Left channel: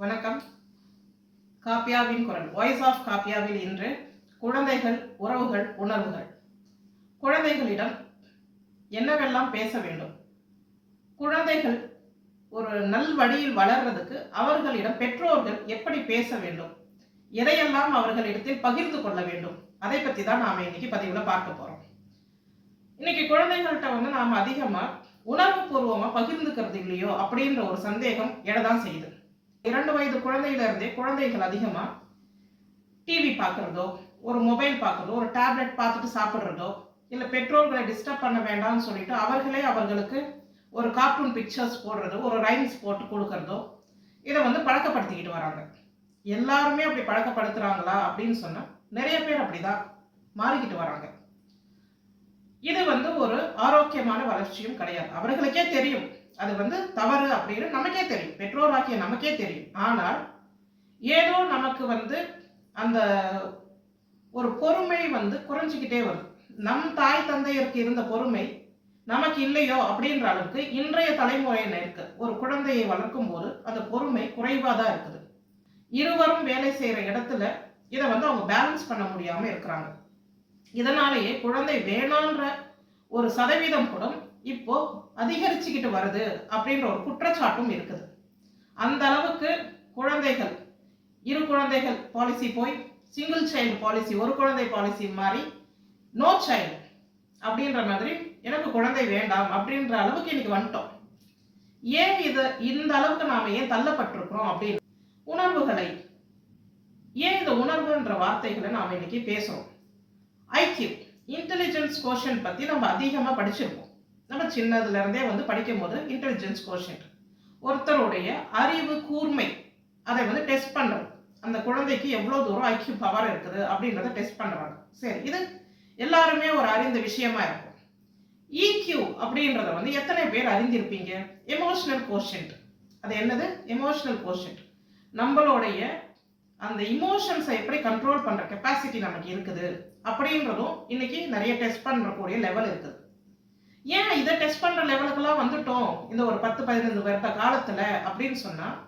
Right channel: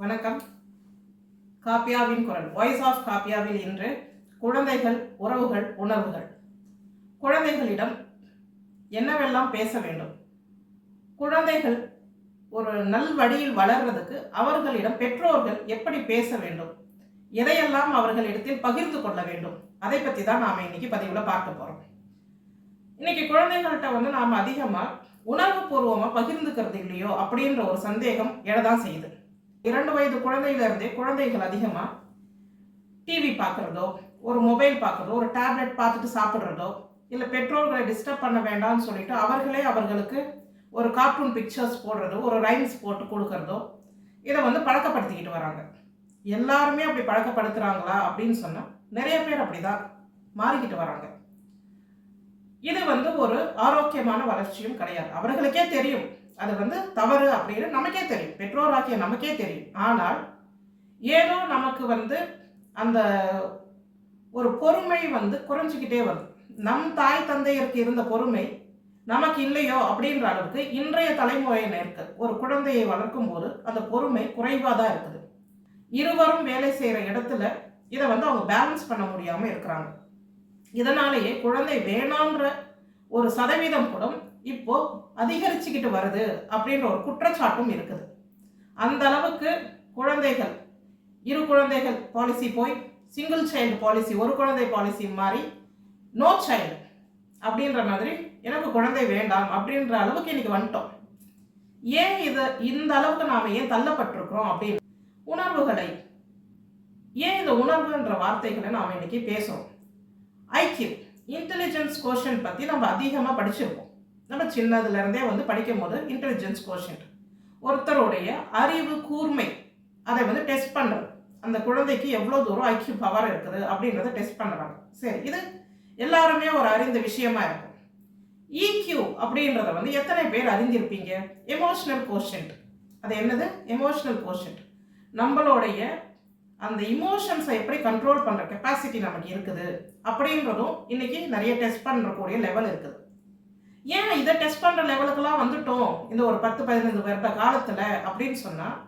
வணக்கம். காப்பியாவின் குரல் voice of காப்பியாவில் இன்று குழந்தைகள், உறவுகள், உணர்வுகள். குழந்தைகளிடம் என்னவெல்லாம் பேச வேண்டும்? குழந்தைகள் ஒரு நல் வழியில் வளர்றதுக்கு அவர்களிடம் பெற்றோர்கள் எப்படி பேச வேண்டும்? எதையெல்லாம் அவர்களிடத்தில் பகிர்ந்து கொள்ள வேண்டும்? அதை பற்றி தான் நாம் இன்னைக்கு பதிவில் பார்க்க போகிறோம். இன்னைக்கு குழந்தைகள்கிட்ட நாம் அதிகமாக உணர்வுபூர்வமாக பகிர்ந்துக்கிறது இல்லையோ அப்படின்ற ஒரு சந்தேகம் எழதான் செய்யுது. 2 வயது குழந்தையிலிருந்தே குழந்தைகள் அதிகமாக டிவி பார்க்குறதோ, ஒரு மொபைல் பார்க்குறதோ, ஒரு டேப்லெட் பார்த்துட்டு சாப்பிட்றதோ, இல்லை பெற்றோர்களை டிஸ்டர்ப் பண்ண வேண்டாம்னு சொல்லிட்டு அவர்களே அவர்களுக்கு ஒரு கார்ட்டூன் பிக்சர்ஸ் போடுறதோ, ஒரு ரைம்ஸ் போட்டு கொடுக்கறதோ, இதை பழக்கப்படுத்திக்கிட்டு வராங்க. எல்லாருமே அப்படி பழக்கப்படுத்துகிறாங்களா அப்படின்னு சொன்னால் நிறைய பேர் அப்படி தான் மாறிக்கிட்டு வராங்க. இது ஒரு ஆரோக்கியமான வளர்ச்சியும் கிடையாது. அவர்களுக்கே தெரியும் அது தவறு அப்படின்னு நமக்கே தெரியும், பெற்றோராகிய நமக்கே தெரியும். ஆனால் ஏதோ நமக்கு அந்த ஒரு பொறுமை குறைஞ்சிக்கிட்டே வருது. நம் தாய் தந்தையருக்கு இருந்த பொறுமை நமக்கு இல்லையோ அப்படின்ற அளவுக்கு இன்றைய தலைமுறையினருக்கு ஒரு குழந்தையை வளர்க்கும் போது அந்த பொறுமை குறைவாக தான் இருக்குது. இருவரும் வேலை செய்கிற இடத்துல இதை அவங்க பேலன்ஸ் பண்ண முடியாமல் இருக்கிறாங்க. இதனாலேயே குழந்தை வேணான்ற ஒரு சதவீதம் கூட இப்போ அதிகரிச்சுக்கிட்டு வருது அப்படின்ற ஒரு குற்றச்சாட்டும் இருக்குது. அந்த அளவுக்கு குழந்தைகள், 2 குழந்தைகள் பாலிசி போய் சிங்கிள் சைல்டு பாலிசி, ஒரு குழந்தை பாலிசி மாறி நோ சைல்டு அப்படின்ற மாதிரி எனக்கு குழந்தை வேண்டாம் அப்படின்ற அளவுக்கு இன்னைக்கு வந்துட்டோம். ஏன் இந்த அளவுக்கு நாம் ஏன் தள்ளப்பட்டிருக்கிறோம் அப்படின்னு உணர்வுகளை, ஏன் இந்த உணர்வுன்ற வார்த்தைகளை நாம் இன்னைக்கு பேசுகிறோம். ஐக்கியூ இன்டெலிஜென்ஸ் கோஷன் பற்றி நம்ம அதிகமாக படிச்சிருப்போம். நம்ம சின்னதுலேருந்தே படிக்கும் போது இன்டெலிஜென்ஸ் கோஷன்ட் ஒருத்தருடைய அறிவு கூர்மை அதை டெஸ்ட் பண்ணுறது. அந்த குழந்தைக்கு எவ்வளோ தூரம் ஐக்கியூ பவர் இருக்குது அப்படின்றத டெஸ்ட் பண்ணுறாங்க. சரி, இது எல்லாருமே ஒரு அறிந்த விஷயமா இருக்கும். இக்யூ அப்படின்றத எத்தனை பேர் அறிந்திருப்பீங்க? Emotional quotient. அது என்னது? Emotional quotient. நம்மளுடைய அந்த இமோஷன்ஸை எப்படி கண்ட்ரோல் பண்ணுற கெப்பாசிட்டி நமக்கு இருக்குது அப்படின்றதும் இன்னைக்கு நிறைய டெஸ்ட் பண்ணுறக்கூடிய லெவல் இருக்குது. ஏன் இதை டெஸ்ட் பண்ணுற லெவலுக்கெல்லாம் வந்துட்டோம் இந்த ஒரு 10-15 வருட காலத்தில் அப்படின்னு சொன்னால்,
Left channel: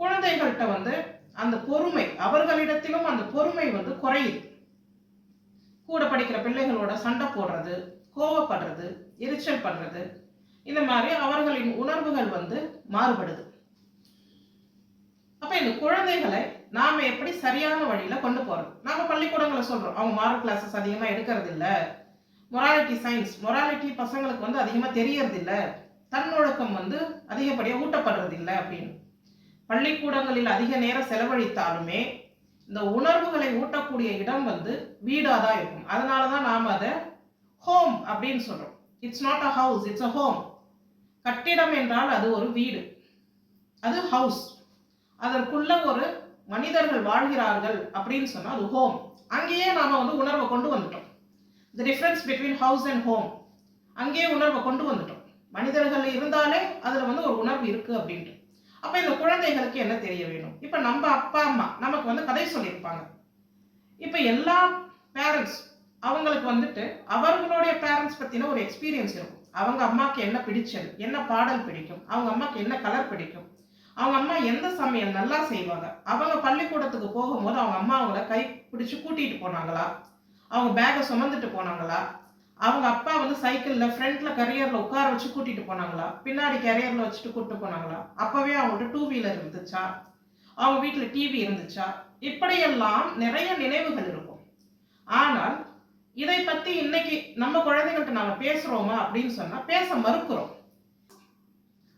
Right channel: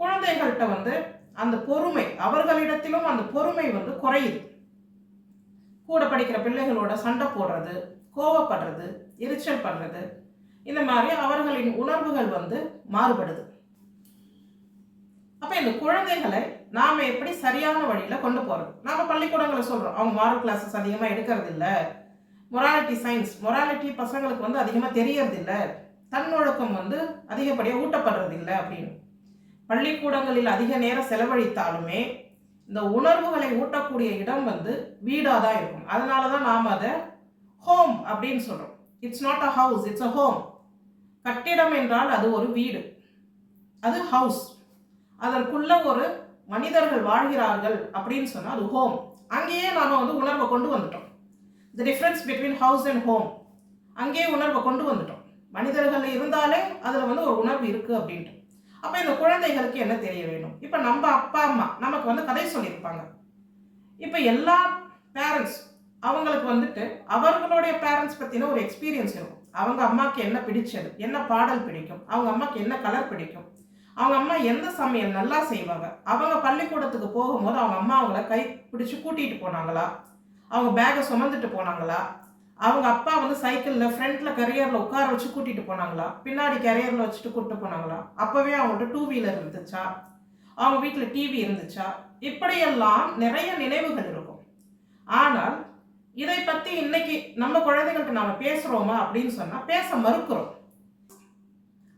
குழந்தைகள்கிட்ட அந்த பொறுமை, அவர்களிடத்திலும் அந்த பொறுமை குறையுது. கூட படிக்கிற பிள்ளைகளோட சண்டை போடுறது, கோவப்படுறது, எரிச்சல் பண்ணுறது, இந்த மாதிரி அவர்களின் உணர்வுகள் மாறுபடுது. அப்போ இந்த குழந்தைகளை நாம் எப்படி சரியான வழியில் கொண்டு போகிறது? நாம் பள்ளிக்கூடங்களை சொல்கிறோம், அவங்க மாரல் கிளாஸஸ் அதிகமாக எடுக்கிறது இல்லை, மொராலிட்டி சயின்ஸ், மொராலிட்டி பசங்களுக்கு அதிகமாக தெரியறது இல்லை, தன்னொழுக்கம் அதிகப்படியாக ஊட்டப்படுறது இல்லை அப்படின்னு. பள்ளிக்கூடங்களில் அதிக நேரம் செலவழித்தாலுமே இந்த உணர்வுகளை ஊட்டக்கூடிய இடம் வீடாக தான் இருக்கும். அதனால தான் நாம் அதை ஹோம் அப்படின்னு சொல்கிறோம். It's not a house, it's a home. கட்டிடம் என்றால் அது ஒரு வீடு, அது ஹவுஸ். அதற்குள்ள ஒரு மனிதர்கள் வாழ்கிறார்கள் அப்படின்னு சொன்னால் அது ஹோம். அங்கேயே நாம் உணர்வை கொண்டு வந்துட்டோம். The difference between house and home, அங்கேயே உணர்வை கொண்டு வந்துட்டோம். மனிதர்கள் இருந்தாலே அதில் ஒரு உணர்வு இருக்குது அப்படின்ட்டு. அப்போ இந்த குழந்தைகளுக்கு என்ன தெரிய வேணும்? இப்போ நம்ம அப்பா அம்மா நமக்கு கதை சொல்லியிருப்பாங்க. இப்போ எல்லா பேரண்ட்ஸ் அவங்களுக்கு அவர்களுடைய பேரண்ட்ஸ் பற்றின ஒரு எக்ஸ்பீரியன்ஸ் இருக்கும். அவங்க அம்மாவுக்கு என்ன பிடிச்சது, என்ன பாடல் பிடிக்கும், அவங்க அம்மாவுக்கு என்ன கலர் பிடிக்கும், அவங்க அம்மா எந்த சமையல் நல்லா செய்வாங்க, அவங்க பள்ளிக்கூடத்துக்கு போகும்போது அவங்க அம்மா அவங்கள கை பிடிச்சி கூட்டிகிட்டு போனாங்களா, அவங்க பேக்கை சுமந்துட்டு போனாங்களா, அவங்க அப்பா சைக்கிளில் ஃப்ரண்ட்டில் கரியரில் உட்கார வச்சு கூட்டிகிட்டு போனாங்களா, பின்னாடி கரியரில் வச்சுட்டு கூப்பிட்டு போனாங்களா, அப்போவே அவங்கள்ட்ட 2 வீலர் இருந்துச்சா, அவங்க வீட்டில் டிவி இருந்துச்சா, இப்படியெல்லாம் நிறைய நினைவுகள் இருக்கும். ஆனால் இதை பற்றி இன்னைக்கு நம்ம குழந்தைகள்கிட்ட நாம் பேசுகிறோமா அப்படின்னு சொன்னால் பேச மறுக்கிறோம்.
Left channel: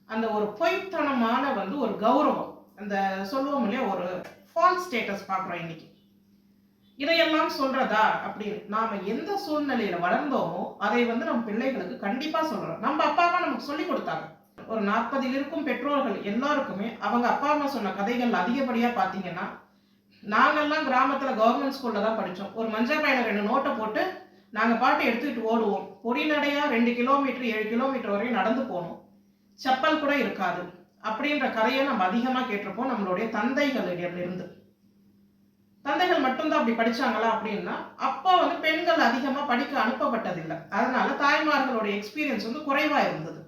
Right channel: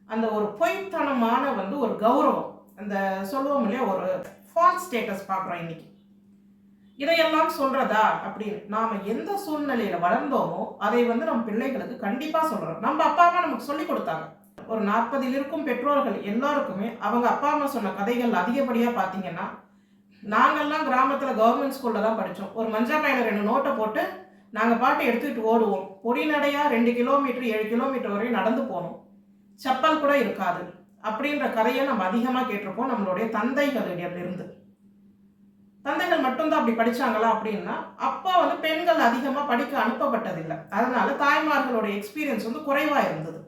அந்த ஒரு பொய்த்தனமான ஒரு கௌரவம், அந்த சொல்லுவோம் இல்லையா, ஒரு ஃபால்ஸ் ஸ்டேட்டஸ் பார்க்குறோம் இன்னைக்கு. இதையெல்லாம் சொல்றதா அப்படின்னு நாம் எந்த சூழ்நிலையில் வளர்ந்தோமோ அதை நம்ம பிள்ளைகளுக்கு கண்டிப்பாக சொல்கிறோம். நம்ம அப்பா அம்மா நமக்கு சொல்லி கொடுத்தாங்க. ஒரு 40 இருக்கும் பெற்றோர்கள் எல்லாருக்குமே அவங்க அப்பா அம்மா சொன்ன கதைகள் அதிகப்படியாக பார்த்தீங்கன்னா, நாங்கள்லாம் கிராமத்தில் கவர்மெண்ட் ஸ்கூலில் தான் படித்தோம். ஒரு மஞ்சள் பையில 2 நோட்டை போட்டு நாங்கள் பாட்டு எடுத்துக்கிட்டு ஓடுவோம். பொடிநடையாக 2 கிலோமீட்டர் 7 கிலோமீட்டர் வரையும் நடந்து போனோம். செப்பல் கூட இருக்காது அப்படின்ற கதையை நம்ம அதிகமாக கேட்டிருப்போம் நம்மளுடைய தந்தைகளிடமிருந்து. தந்தைகள் மட்டும்தான் அப்படி படித்தாங்களா அப்படின்னா, அப்போ பெண்கள் அதிகமாக படிக்க அனுப்பப்பட்டதில்லை. அதனால தாய்மார்களுடைய எக்ஸ்பீரியன்ஸ் குறைவாக இருந்தது.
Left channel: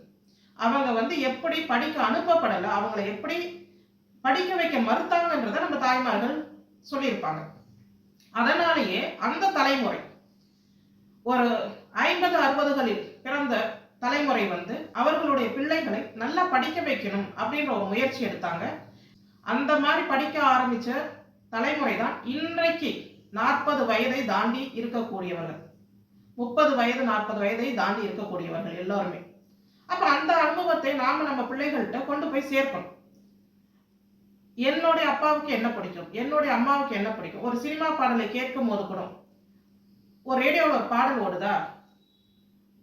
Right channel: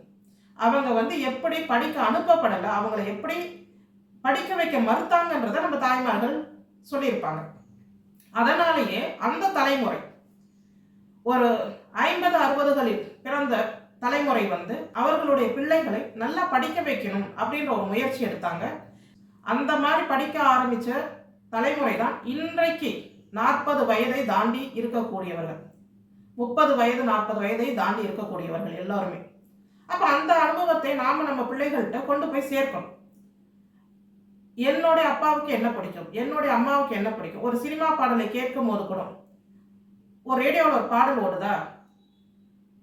அவங்க எப்படி படிக்க அனுப்பப்படலை, அவங்களை எப்படி படிக்க வைக்க மறுத்தாங்கன்றதை நம்ம தாய்மார்கள் சொல்லியிருப்பாங்க. அதனாலேயே அந்த தலைமுறை ஒரு 50-60களில் பிறந்த தலைமுறை வந்து அவர்களுடைய பிள்ளைகளை நல்லா படிக்க வைக்கணும் அப்படின்ற ஒரு முயற்சி எடுத்தாங்க. அந்த மாதிரி படிக்க ஆரம்பிச்ச தலைமுறை தான் இன்றைக்கு 40 வயதை தாண்டி இருக்கக்கூடியவர்கள், 30 வயது 40 வயதை தாண்டி இருக்கக்கூடியவர்கள் எல்லாருமே. அப்ப அந்த அனுபவத்தை நாம நம்ம பிள்ளைகள்கிட்ட கொண்டு போய் சேர்க்கணும். என்னுடைய அப்பாவுக்கு என்ன பிடிக்கும், என்னுடைய அம்மாவுக்கு என்ன பிடிக்கும், ஒரு சினிமா பாடலை கேட்கும் போது கூட ஒரு ரேடியோவில் ஒரு பாடல் ஓடுதா,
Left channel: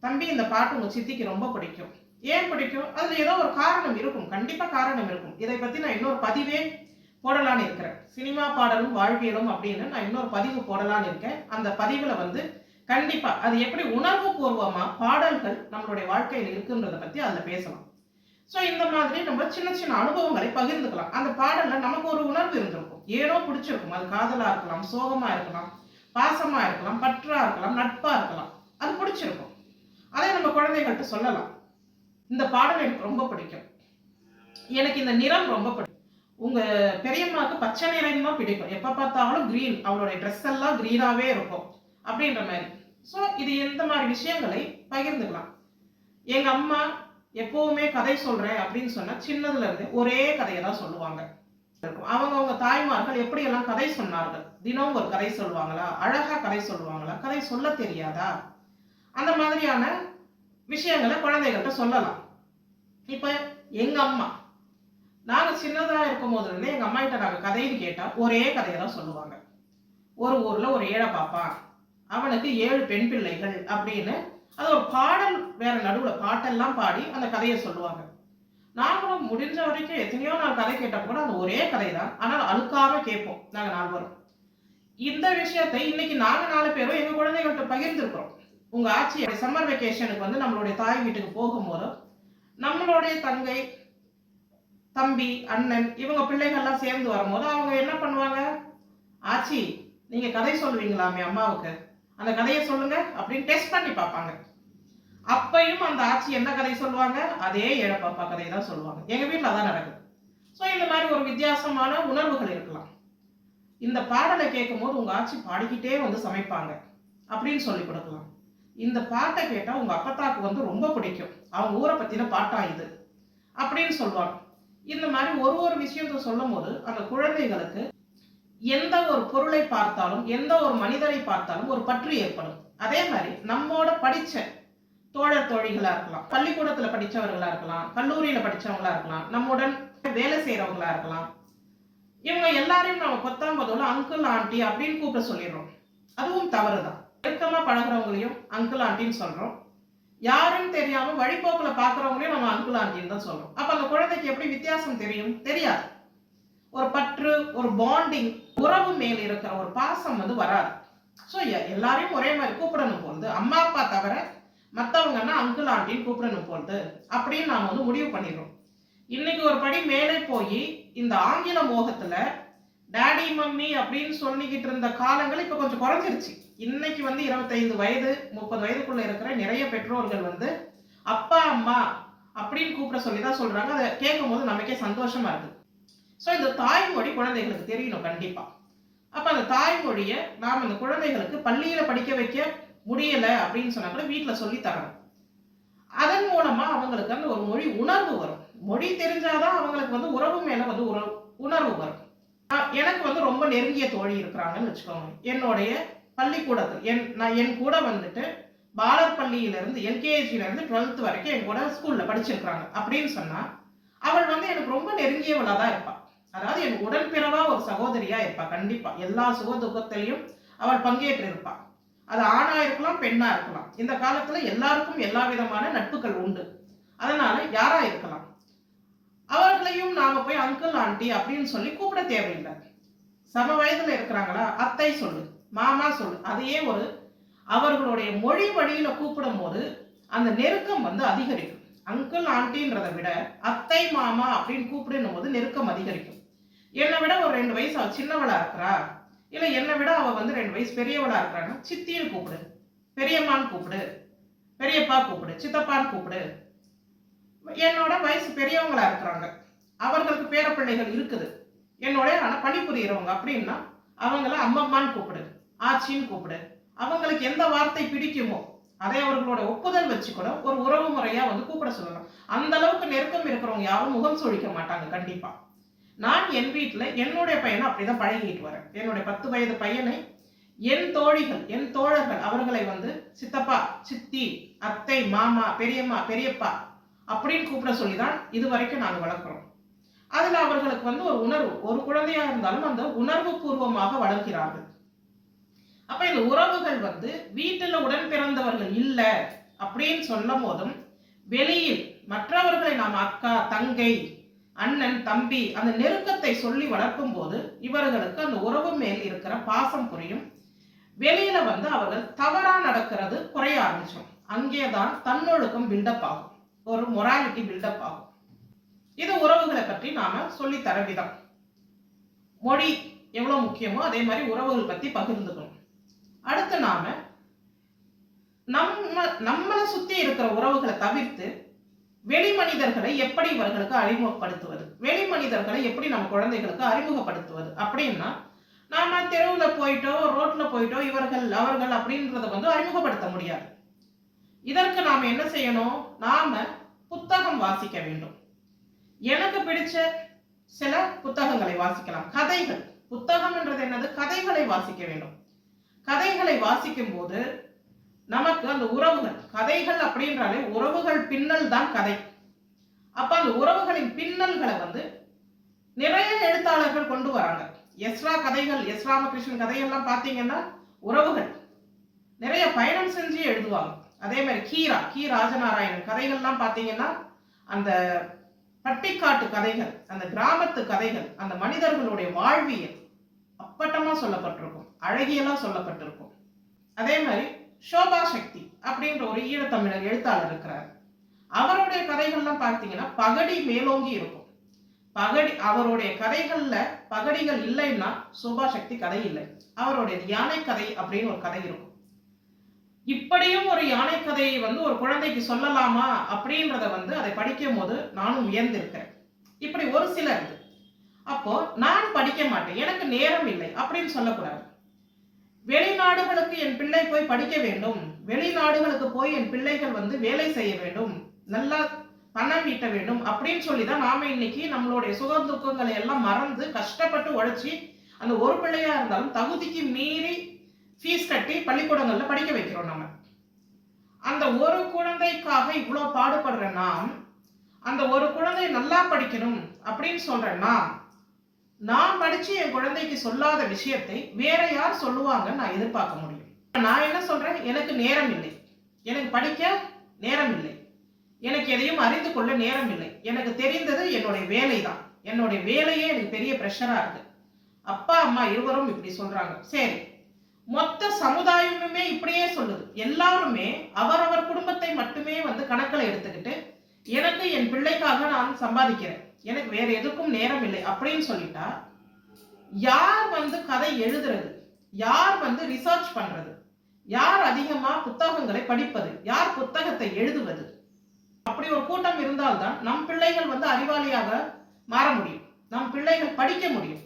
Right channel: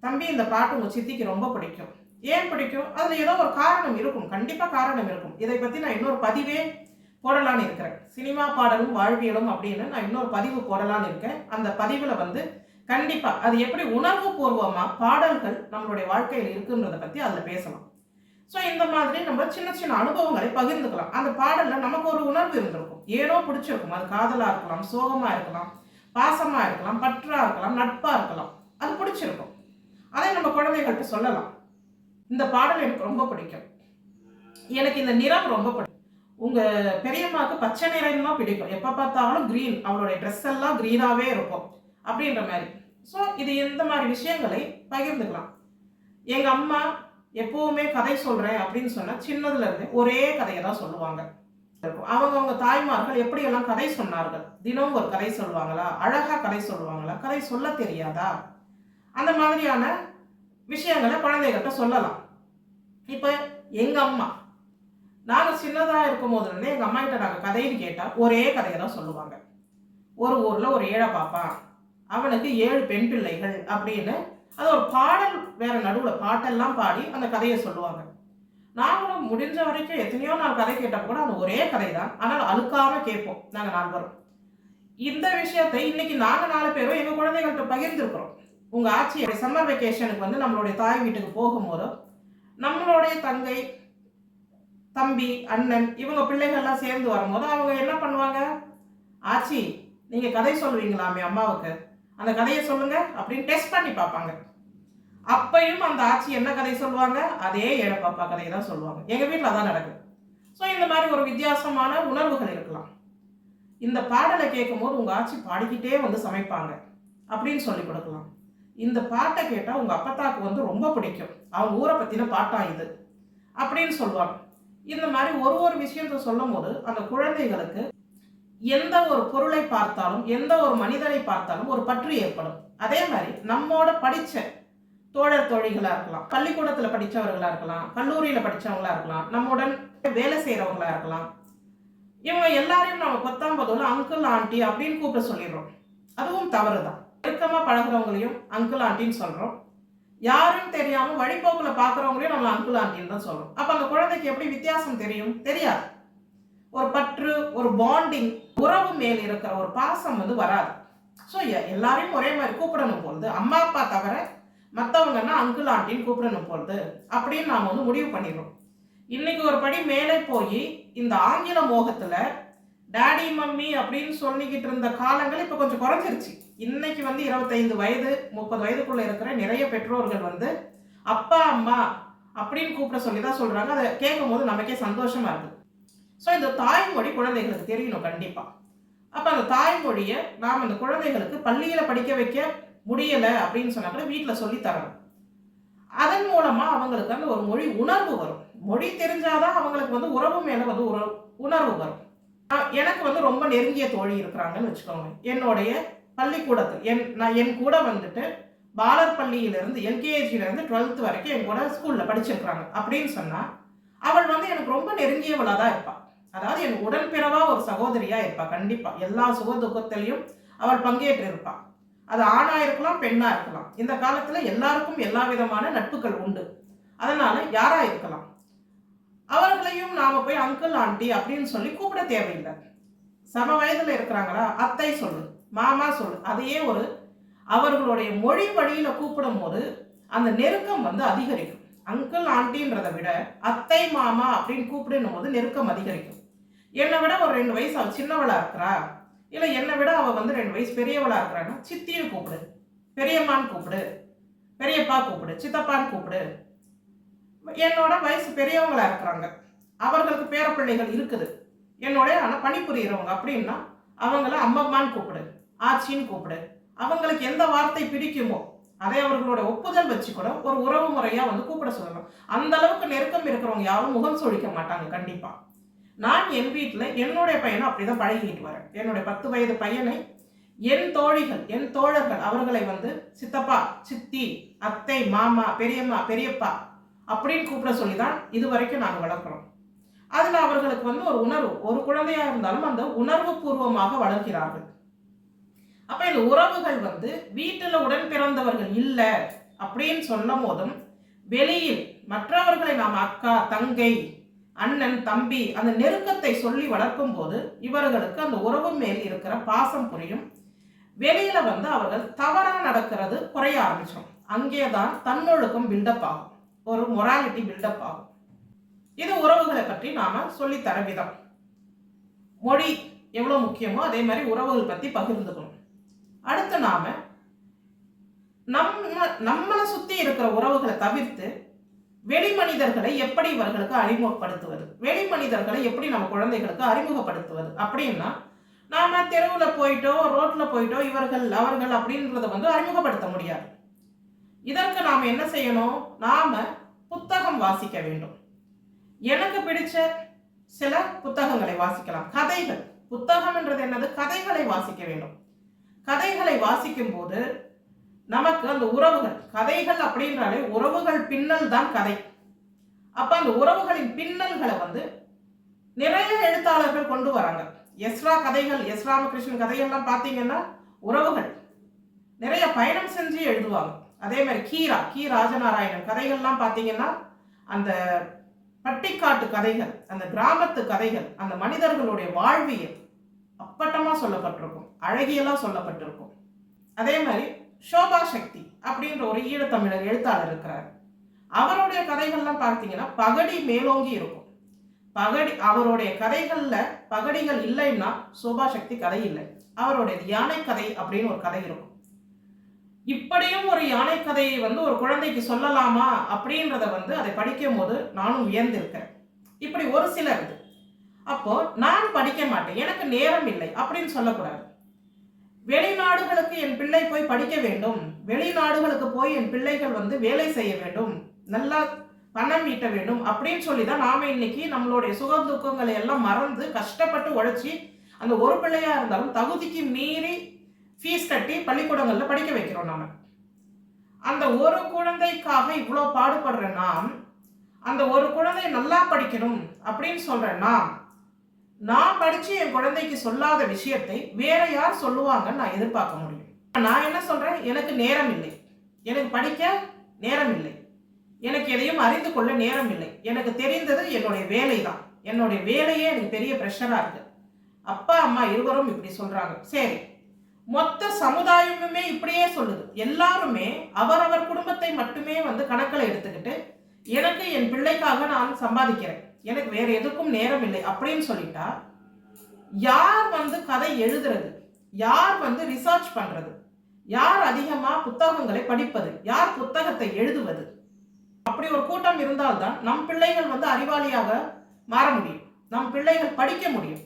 தம்பி இந்த பாட்டு உங்க சித்திக்கு ரொம்ப பிடிக்கும். ஏன் பிடிக்கும்? அதுல ஏதோ ஒரு காரணம் இருக்கும், கண்டிப்பா காரணம் இருக்கும். இதை பத்தி நான் இன்னொரு பதிவே போடலான்னு இருக்கிறேன். சினிமா பாடலும் வாழ்வியலும் அப்படின்னு நான் இன்னொரு பதிவு போடலான்னு இருக்கேன். அந்த பதிவுல வந்து கண்டிப்பா அது எப்படி உணர்வு பூர்வமா பாடல்கள் நம்மளுடைய வாழ்க்கையில் இருக்குன்றத பத்தி அதுல பேசலாம். ஸோ இந்த மாதிரி நம்ம சின்ன சின்ன அனுபவங்களை பகிர்ந்துக்கலாம். அந்த பாடல்ல நமக்கு ஒரு உணர்வு இருந்திருக்கும், ஏனோ பிடிச்சிருக்கும். அது காதலா இருக்கலாம், சோகமா இருக்கலாம், பாசமா இருக்கலாம், பற்றா இருக்கலாம், நட்பா இருக்கலாம். அது பிடிச்சிருக்கும். அதை நம்ம குழந்தைகள்கிட்ட சொல்லலாம். இந்த பாடல் எனக்கு ரொம்ப பிடிக்கும், எனக்கு இந்த நிறம் ரொம்ப பிடிக்கும். உங்க பெரியம்மாவுக்கு பச்சை நிறம் தான் பிடிக்கும், எப்ப பார்த்தாலும் கிரீன், அவளுடைய ட்ரெஸ் எல்லாம் கிரீனாவே இருக்கும் அப்படின்ற மாதிரி. ஸோ இது இந்த மாதிரி விஷயங்களை பகிர்ந்துக்கலாம். எங்க அம்மா எப்பவுமே கதை சொல்றேன் அப்படின்னு சொன்னா சின்னதுல இருந்து ஒரே கதையை தான் சொல்லுவாங்க. அவங்க தாய்மார்கள் எப்படியெல்லாம் கதை சொன்னார்கள், தினமும் ஒரு கதை சொல்லுவாங்களா, அழகா கதை சொல்லுவாங்களா, கதை சொல்ல தெரியாதா, அந்த மாதிரியான விஷயங்களை குழந்தைகள்கிட்ட சொல்லலாம். இப்ப எங்க அம்மா நாங்க சின்னதா இருக்கும் போதுல இருந்தே எங்க அம்மா கிட்ட நாங்க கதைன்னு கேட்டா ஒரே கதையை தான் சொல்லுவாங்க. ஒரு ஊர்ல ஒரு ஏழை பாப்பா, அவனுக்கு 7 பெண் பிள்ளைகள் அப்படின்னு அது ஒரு பாடல் வேற நடுவுல பாட்டெல்லாம் பாடி அந்த கதையை சொல்லுவாங்க. நாங்களும் முடிஞ்ச வரைக்கும் எத்தனையோ நாள் கதை கேட்டப்ப கூட அந்த ஒரே கதை தான், ஆனால் அழுக்காம கேட்போம் நாங்க 4 பேரும். இந்த விஷயத்தை இன்னைக்கு நாங்க 4 பேரும் எங்க குழந்தைகள்கிட்ட பகிர்ந்துருக்கிறோம். உங்க ஆட்சி சம்மர் வெக்கேஷனுக்கு வந்து நம்மளுடைய தாய் வீட்டுக்கு போகும்போது நம்மளுடைய தங்கை, தம்பி, அண்ணன் இவங்க பிள்ளைகள்லாம் சேர்ந்து வரும்போது அவங்க என்ன பண்ணுவாங்க, ஆச்சி நீங்க கதை சொல்லுவீங்களாமே அம்மாவுக்கு, அந்த கதையை சொல்லுங்க அப்படின்னு டெஸ்ட் பண்ணி பார்ப்பாங்க. அப்பையும் அந்த ஆட்சி என்ன கதை சொல்லுவாங்க, அதே ஏழப்பாப்பா கதையை தான் சொல்லுவாங்க. எங்க வீட்டில் அதான் நடக்குது. ஸோ இந்த மாதிரி ஒரு வித்தியாசமான உணர்வுகள் இருக்கலாம். இந்த பாடலை கேட்கும் போது உங்க ஆட்சி பாடிக்கிட்டே வந்து சமைப்பாங்க அப்படின்னு சொல்லி கொடுக்கலாம். இந்த பாட்டை கேட்டா உங்க அப்பத்தாக்கு வந்து ரொம்ப பிடிக்கும், அவங்க ஊரை பத்தின பாட்டா இது அப்படின்னு சொல்லுவாங்க. இந்த மாதிரி ஒரு விஷயத்த சொல்லும் போது அந்த குழந்தைகளுக்கு எந்த ஒரு பொருளை பார்த்தாலும் எந்த ஒரு மனிதரை பார்த்தாலும் ஒரு பற்று ஏற்படும். அதே மாதிரி நம்மோட படிச்ச தோழர் தோழிகளா இருக்கலாம், பள்ளிக்கூடத்துல படிச்சவர்களா இருக்கலாம், கல்லூரியில படிச்சவங்களா இருக்கலாம், நம்முடன் வேலை செய்யறவங்களா இருக்கலாம், இவங்க எல்லாரையும் நம்ம 10ஆம் அங்கிள் ஆண்டி அப்படின்னு கூப்பிட சொல்லிடுறோம். அதுவும் தவறுதான். நெருக்கமா பழகிறவங்களையும் அங்கிள் ஆண்டின்னு சொல்றோம், யாரும் தெரியாம வழிபோக்குல பாக்குறவங்களையும் நம்ம அங்கிள் ஆண்டின்னு தான் சொல்றோம். அப்ப அந்த குழந்தைக்கு எப்படி வித்தியாசம் தெரியும்? தெரியாது. ஒரு பற்று, ஒரு பாண்டிங், உறவு மேல் இருக்கிற ஒரு பாசம் வந்து வராது. ஸோ எல்லாரையும் ஒரே மாதிரி கூப்பிடணும் போகுது, அம்மா அப்பா தவிர மற்றவங்கன்னா அங்கிள் ஆண்டின்னு கூப்பிடணும் போகுது அப்படின்னு நாம் வந்து முடிவு பண்ணிடுறோம். இன்னைக்கு ஒரு படி மேலே போய் இந்த ஆங்கில மோகத்துல டேடி மம்மி அப்படின்னு சொல்லிக்கிட்டு இருந்த காலங்கள் இப்போ கொஞ்சம் குறைஞ்சிருச்சு. இன்னைக்கு வந்து 25 வயது 30 வயதுக்குள்ள இருக்கிற நிறைய பெற்றோர்கள் வந்து அப்பா அம்மா அப்படின்னு கூப்பிட சொல்லி தான் சொல்றாங்க. அதை கேட்கும் போது நமக்கே சந்தோஷமா இருக்கு. ஸோ இந்த தாய்மொழி குழந்தைகளுக்கு தெரியணும் கண்டிப்பா. அப்ப அந்த தாய்மொழியை நாம் அந்த குழந்தைகளுக்கு பள்ளியில படிக்க வைக்க முடியல அப்படின்னு சொன்னா கூட வீட்டில் சொல்லி தரணும். அதன் மூலமா அவங்களுக்கு அந்த ஒரு மொழி உணர்வு வரும். மொழி தெரிஞ்சாதான் அவங்களுக்கு வந்து உறவு மேல வந்து உணர்வு வரும். எனக்கு வந்து ரொம்ப நெருங்கிய தோழி இருக்கிறாங்கன்னு வச்சுக்கோங்க. என்னுடைய பள்ளிக்கூடத்தில் என் கூட வந்துட்டு பாலர் பள்ளியிலிருந்து எல்கேஜிலேருந்து 12th வரைக்கும் என் கூட ஸ்கூல்ல படிச்சிருக்கிறாங்க அப்படின்னு சொன்னா அவள் வந்து எனக்கு ரொம்ப நெருங்கியவளா தான் இருப்பாள். அதாவது என் உடன்பிறவா ஒரு சகோதரியா இருப்பா. கண்டிப்பா எல்லா சுக துக்கத்திலையும் அவள் பங்கேற்று இருப்பா. அது ஆணா இருக்கலாம், பெண்ணா இருக்கலாம். இந்த காலத்துல எல்லாருக்கும் எல்லா விதமான நட்புகள் உண்டு. அதனால யாரா இருக்கலாம், அவர்களையும் நாம போய் அங்கிள் ஆண்டி அப்படின்னு சொல்லி கூப்பிட தேவையில்லை. சம வயதுல இருக்கிறாங்களா, அத்தை சொல்லு, மாமா சொல்லு. அதையே ஒரு அவர்களுடைய மொழி வழியில கூப்பிடும் போது அந்த நெருக்கம் வந்து அதிகரிக்கும். அங்கிள் ஆண்டின்றதை விட அத்தை மாமா அப்படின்னு கூப்பிடும் போது நெருக்கம் அதிகரிக்கும். என்னை விட ஒரு 2 வயசு அவள் சின்னவளா இருக்கிறா, இல்லை என்னை விட அவள் வந்து 2 வயசு பெரியவளா இருக்கிறான்னா சித்தின்னு கூப்பிடு, பெரியம்மான்னு கூப்பிடு, பெரியப்பா கூப்பிடு, சித்தப்பான்னு கூப்பிடு. என்னோட வயசு பெரியவங்களா இருக்கிறாங்க, அவர்களுக்கு பேரப்பிள்ளைகள் இருக்குது, என்னுடைய ஆனால் பணிபுரிகிறவங்க அப்படின்னா அவங்கள அம்மம்மான்னு கூப்பிடு, ஆச்சின்னு கூப்பிடு. அவங்களுக்கு எந்த வார்த்தை பிடிக்குமோ அதை அவர்களோட ஒப்புதல் வச்சு கூட ஒரு உறவு முறையா வந்து கூப்பிட சொல்லலாம். அந்த அளவுக்கு நெருக்கம் இருக்கிறவங்க யாரும் முகம் சுழிக்க மாட்டாங்க கண்டிப்பா. நான் என் வீட்டில் என்னுடைய பையனை அப்படிதான் பழகிட்டு வரேன். என்னுடைய 10 வயது பையனை என் தோழிகள், என் தோழர்கள் அவர்களை வந்து சித்தப்பா, சித்தி, அத்தை, மாமா, பெரியம்மா, பெரியப்பா அப்படின்னு கூப்பிட சொல்லி தான் இது வரைக்கும் நாங்கள் வளர்க்குறோம். அதில் அவர்களுக்கு வந்து ஒரு உணர்வு, ஒரு குழந்தையா இருந்தாலும் அந்த உணர்வு பூர்வமாக வளர்க்கிறார்கள். அப்ப இந்த உறவுகள் வந்து வீட்டில் உடன் பிறந்தவர்கள் இல்லை அப்படின்னு சொல்லும் போதும் வெளியில் மற்றவர்களை நாம் அக்கா, தங்கை, அண்ணன், தம்பி அந்த நெருக்கத்தை சொல்லி வளர்க்கும் போது இவர்களுக்கு அந்த உறவு மேல் இருக்கிற பாசம் புரியும். வெளியில வந்து அவர்கள் தவறா நடக்கிறது குறைய ஆரம்பிச்சோம். அங்கேதான் தன்னொழுக்கம் பில்டப் ஆகும், ஒரு மொராலிட்டி பில்டப் ஆகும். இது உறவுகளை பற்றி நாம சொல்லி தர விதம். மொழி எவ்வளவு முக்கியமோ அதே மாதிரி உறவுகள் பத்தி பகிர்ந்துக்கணும். அடுத்து நாம நம்மளை சுத்தி இருக்கிற உறவுகளை தவிர்த்து வெளி மனிதர்களை எப்படி இவர்களுக்கு அறிமுகப்படுத்துவது, வெளி மனிதர்களை எப்படி நம்ம குழந்தைகளுக்கு அறிமுகப்படுத்துவது அப்படின்னா, நாம தெருவில் போயிட்டோ ரோட்ல போயிட்டோ இவர்கள் அவர்கள் அப்படின்றத வந்து அறிமுகப்படுத்த முடியாது. இதற்கு நாம என்ன செய்யணும்? நாம புத்தகம் வாசிக்க வேண்டும். எனக்கு பிடிச்ச சில புத்தகங்களை வாசிக்கலாம். கதைகள், புத்தகம் என்றது என்னது? கதைகளை வாசிக்க வேண்டும். கதைகளை வாசிக்கும் போது நமக்கு அந்த உறவுகள், கதைகள் அப்படின்றாலே உறவுகள் பின்னல் தான் கதை. அப்ப அந்த உறவுகளின் பின்னல்களை வந்து நிறைய எழுத்தாளர்கள் கொண்டு வராங்க. எஸ்ரா கதைகள், எஸ் ராமகிருஷ்ணன் கதைகள்லாம் பார்த்தீங்கன்னா உறவுகள் நிறைய பயணம் செஞ்சு எழுதுவாங்க. அதே மாதிரி கி ராஜநாராயணன் கதைகள்லாம் பார்த்தீங்கன்னா அந்த பட்டிக்காட்டு கதைகள், அந்த கிராமத்து கதைகள், அந்த மனிதர்களுடைய வாழ்வியல் அப்பட்டமா சொல்லப்பட்டிருக்கும், அழகியெல்லாம் சொல்லப்பட்டிருக்கும். அதே மாதிரி சோபா சக்தி அப்படின்ற ஒரு ஈழத்தமிழர் எழுத்தாளர் இருக்கிறார். அவருடைய கதைகள்லாம் பார்த்தீங்கன்னா பகடி மேலோங்கி இருக்கும். பகடி, அவருடைய கதைகள்ல பகடிகள் இல்லைன்னா சோபா சக்தி கதை இல்லை. அவருடைய யானை கதை அப்படின்னு ஒரு கதை இருக்கும். இப்படியும் ஒரு யானை கதையை வந்து ஒரு குழந்தைக்கு சொல்லலாமா அப்படின்றத வந்து அதை படிக்கும் போது நானும் வியந்திருக்கிறேன். இப்படி ஒரு சிலர் இது. அப்போ நான் படிக்க மாட்டேன், எனக்கு நேரம் இல்லை அப்படின்னு சொல்லக்கூடாது. வெளிநாடுகளுக்கு என் பிள்ளை போய் படிக்க வேண்டும், வெளிநாடுகளுக்கு போய் என் பிள்ளைகள் வந்து வேலை செய்ய வேண்டும், நல்லா பணம் ஈட்ட வேண்டும் அப்படின்னு சொல்லி தான் நாம இன்னைக்கு நம்மளுடைய சுக துக்கங்களை எல்லாம் மறந்து கஷ்டப்பட்டு உழைச்சி அந்த ஒரு பிள்ளையா இருந்தாலும் தகுதிக்கு மீறி ஃபீஸ் கட்டி பள்ளிக்கூடங்கள்ல படிக்க வைக்கிறோம். நம்ம அந்த ஒரு குழந்தைக்காக இவ்வளோ பாடுபடுற நாம், அந்த ஒரு குழந்தை நல்லா படிக்கணும் அப்படின்னு சொல்ற நான் படிச்சு என் குழந்தைக்கு சொல்லாத விஷயத்தை வேற யார் சொல்லுவாங்கன்னு நான் எதிர்பார்க்க முடியும்? நான் என்ன சொல்றேன்? எனக்கு நேரம் இல்லை, எனக்கு படிக்க நேரம் இல்லை, எனக்கு எதையும் அறிந்து கொள்ள நேரம் இல்லை, எனக்கு தெரிந்தது என்னுடைய வேலை தான், என்னுடைய வேலையே எனக்கு பெரிய ப்ரெஷரா இருக்கு, அப்பா அம்மா இருவரும் இப்படி சொல்றாங்க. சரி, மொத்த சமுதாயமுமே இப்படியே சொல்லுது. எல்லாருமே அவரவர் குடும்பத்தை மட்டுமே வந்து கணக்கில் எடுத்துக்கிட்டு எனக்கு என் பிள்ளைக்காக நான் சம்பாதிக்கிறேன், எனக்கு வேற எதுக்கும் நேரம் இல்லை அப்படின்னு சொல்லிட்டா யார் வந்து கதை எழுதுறது, யார் வந்து ரிசர்ச் பண்றது, யார் அதிகமா புத்தகங்களை படிப்பது, யார் புத்தகத்தை எழுதுவது? அப்படி ஒரு கூட்டம் இருந்தால்தான் நம் பிள்ளைகள் வந்து அறிவாளியாக மாற முடியும், நம் பிள்ளைகள் படிக்க முடியும்.